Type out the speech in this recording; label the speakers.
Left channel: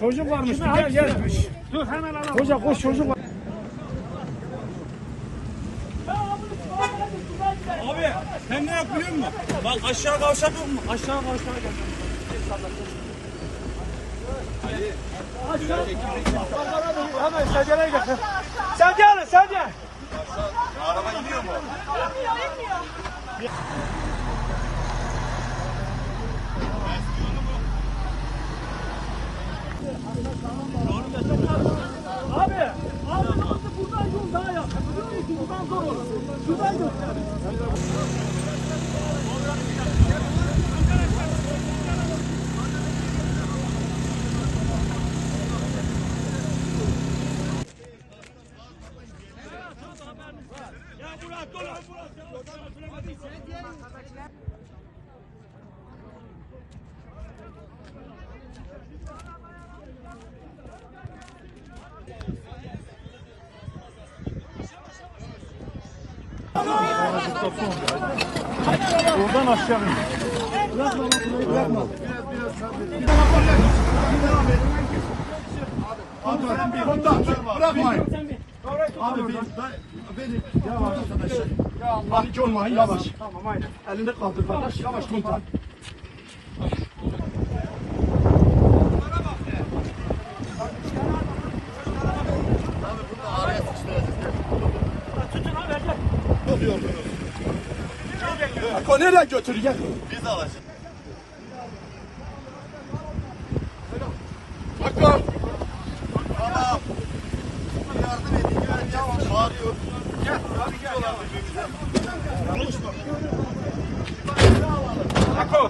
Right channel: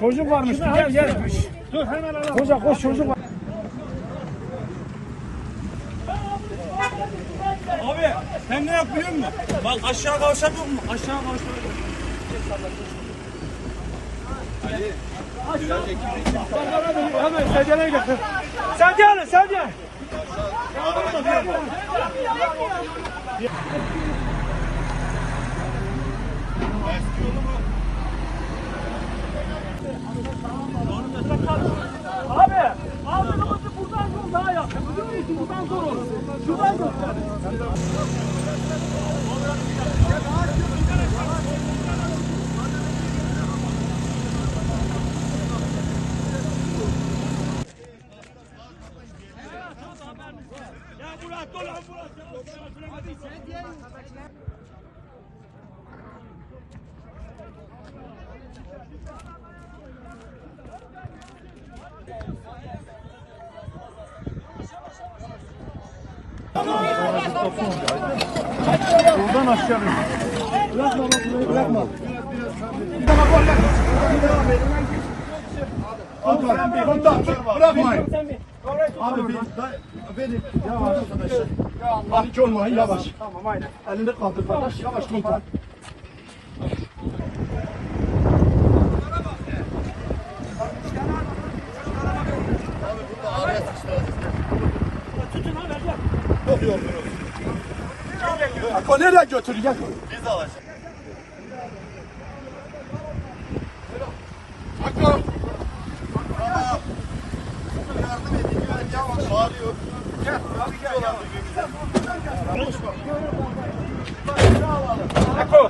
Speaker 1: Çocuk varmış. Gel gel. Dur hemen alalım. Hoca koş çocuk var.
Speaker 2: Abi sen ne yapıyor musun? Bak aşağı kavşak yok mu? Aşağı kavşak yok.
Speaker 1: Hemen sedyeleri getir. Sedye alın Yeah. Buradan aşağı. Bırakma bak burayı bırakma. Bir daha gol lan. Abi komutan bırakmayın. Abi bir beni yavaş arkadaşlar. Panik olmayın yavaş. Tamam aynen. Elinde kaldır kardeş yavaş komutan. Yok yok yok. Nereye götürecek? Biz alacağız. Ben yavaş bağırıyor. Gel. Abi gel. Birbirimize. Konuşma. Eko.